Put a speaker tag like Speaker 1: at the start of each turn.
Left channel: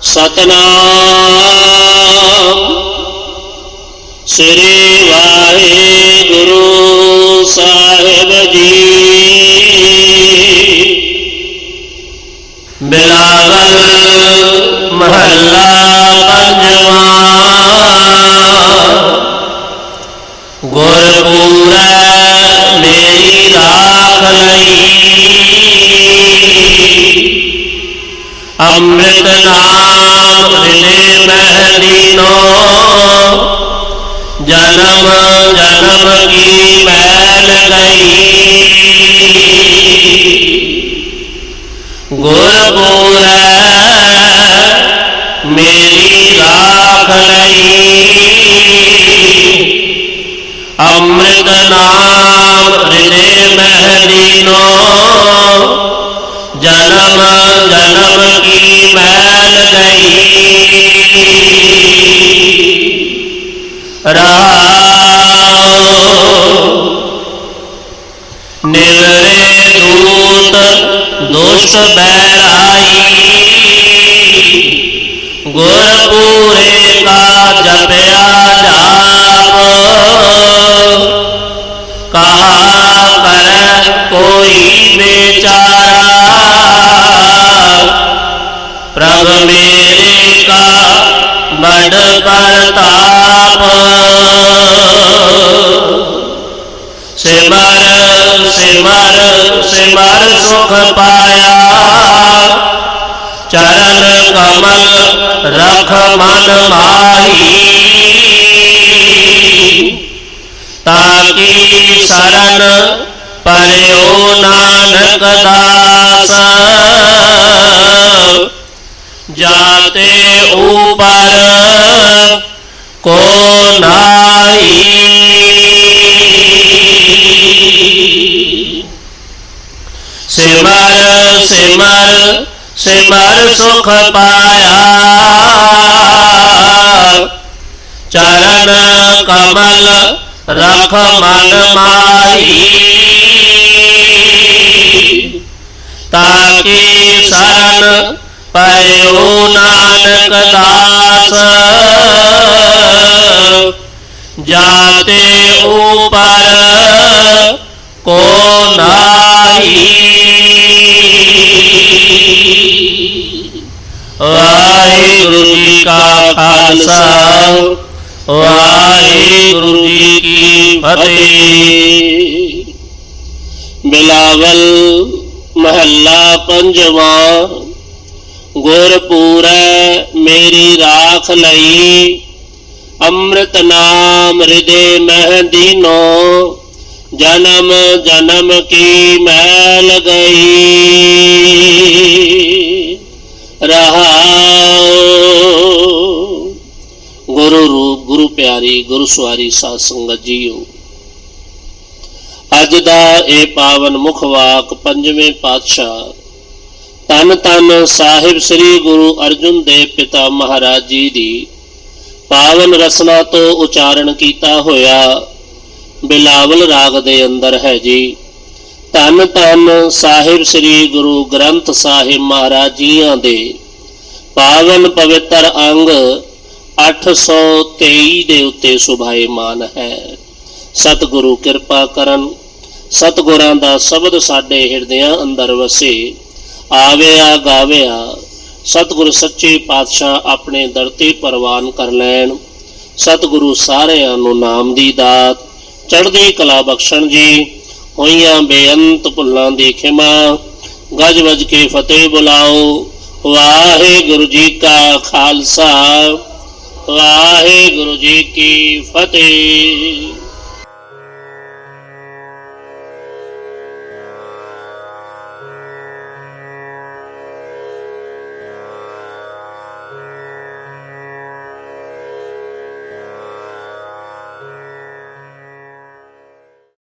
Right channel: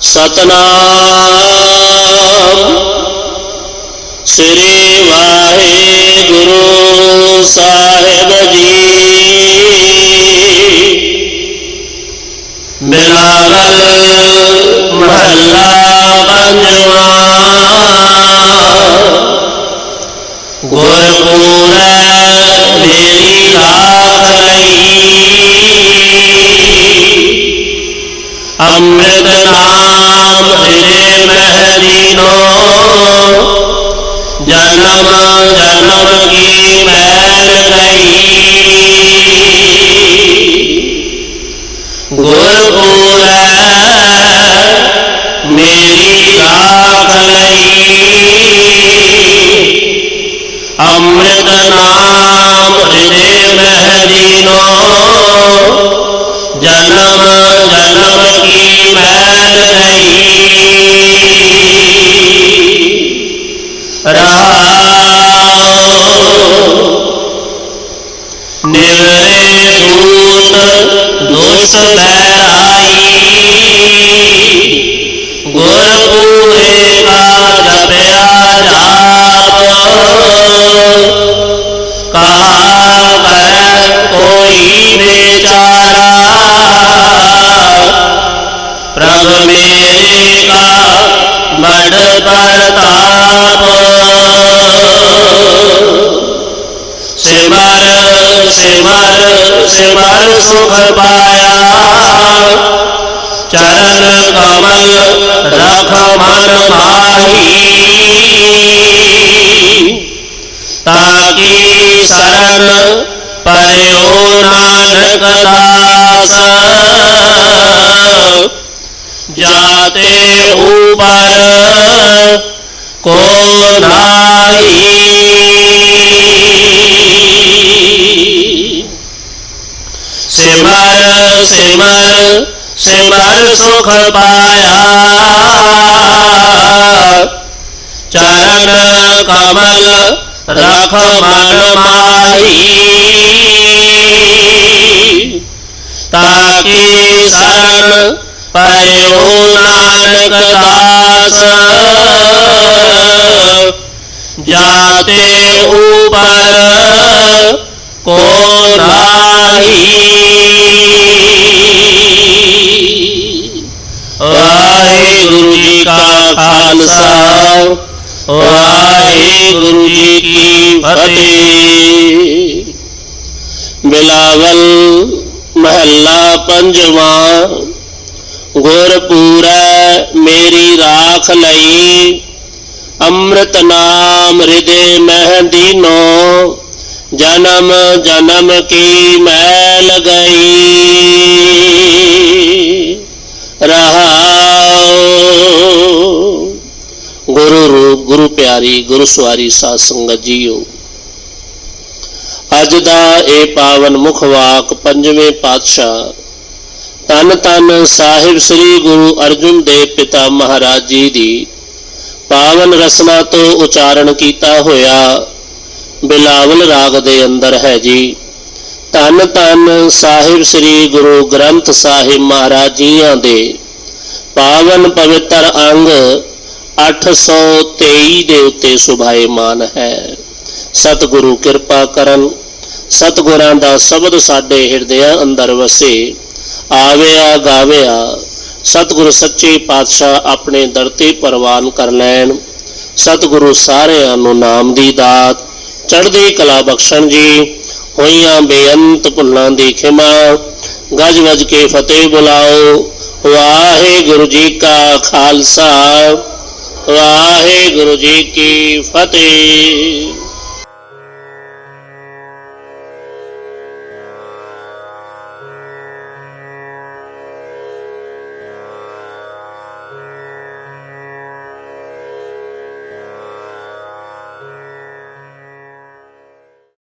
Speaker 1: ਸਤਨਾਮ। ਸ੍ਰੀ ਵਾਹਿਗੁਰੂ ਸਾਹਿਬ ਜੀ। ਬਿਲਾਵਲ ਮਹੱਲਾ ਪੰਜਵਾਂ। ਗੁਰਪੂਰੈ ਮੇਰੀ ਰਾਖ ਲਈ। ਅੰਮ੍ਰਿਤ महलिनो जन्म जन्म की पहल गई। गुरपुर मेरी राख लई। अमृत नाम हृदय महलिनो जन्म जन्म तो उस बैराई गोरपुरे का जपया जाप। कहा कर कोई बेचारा। प्रभ मेरे का बड़ बरता मर, से मर सुख पाया। चरण कमल रख मन माही। ताकि शरण परो नानक दास। जाते ऊपर को नाई सिमर सिमर सिमर सुख पाया। चरण कमल रख मन माही। ताकि शरण पयो नानक दास। जाते ऊपर
Speaker 2: को ना
Speaker 1: वाहे गुरु जी का खालसा वाहे गुरु जी की फतेह। बिलावल महला पंजवा गुरपुर मेरी राख लई, अमृत नाम हृदय मह दीनो ਜਨਮ ਜਨਮ ਕੀ ਮੈਲ ਗਈ ਰਹਾਉ ਗੁਰੂ ਰੂਪ, ਗੁਰੂ ਪਿਆਰੀ, ਗੁਰੂ ਸਵਾਰੀ ਸਾਧ ਸੰਗਤ ਜੀਓ। ਅੱਜ ਦਾ ਇਹ ਪਾਵਨ ਮੁਖ ਵਾਕ ਪੰਜਵੇਂ ਪਾਤਸ਼ਾਹ ਤਨ ਤਨ ਸਾਹਿਬ ਸ੍ਰੀ ਗੁਰੂ ਅਰਜੁਨ ਦੇਵ ਪਿਤਾ ਮਹਾਰਾਜ ਜੀ ਦੀ ਪਾਵਨ ਰਸਨਾ ਤੋਂ ਉਚਾਰਨ ਕੀਤਾ ਹੋਇਆ ਬਿਲਾਵਲ ਰਾਗ ਦੇ ਅੰਦਰ ਹੈ ਜੀ। ਧੰਨ ਧੰਨ ਸਾਹਿਬ ਸ੍ਰੀ ਗੁਰੂ ਗ੍ਰੰਥ ਸਾਹਿਬ ਮਹਾਰਾਜ ਜੀਆਂ ਦੇ ਪਾਵਨ ਪਵਿੱਤਰ ਅੰਗ 823 ਦੇ ਉੱਤੇ ਸੁਭਾਏਮਾਨ ਹੈ। ਸਤਿਗੁਰੂ ਕਿਰਪਾ ਕਰਨ, ਸਤਿਗੁਰਾਂ ਦਾ ਸ਼ਬਦ ਸਾਡੇ ਹਿਰਦਿਆਂ ਅੰਦਰ ਵਸੇ, ਆਵਿਆ ਗਾਵਿਆ, ਸਤਿਗੁਰ ਸੱਚੇ ਪਾਤਸ਼ਾਹ ਆਪਣੇ ਦਰ ਤੇ ਪ੍ਰਵਾਨ ਕਰ ਲੈਣ, ਸਤਿਗੁਰੂ ਸਾਰਿਆਂ ਨੂੰ ਨਾਮ ਦੀ ਦਾਤ ਚੜ੍ਹਦੀ ਕਲਾ ਬਖਸ਼ਣ ਜੀ, ਹੋਈਆਂ ਬੇਅੰਤ ਭੁੱਲਾਂ ਦੀ ਖਿਮਾ। ਗਜ ਵਜ ਕੇ ਫਤਿਹ ਬੁਲਾਓ, ਵਾਹਿਗੁਰੂ ਜੀ ਕਾ ਖਾਲਸਾ, ਵਾਹਿਗੁਰੂ ਜੀ ਕੀ ਫਤਿਹ।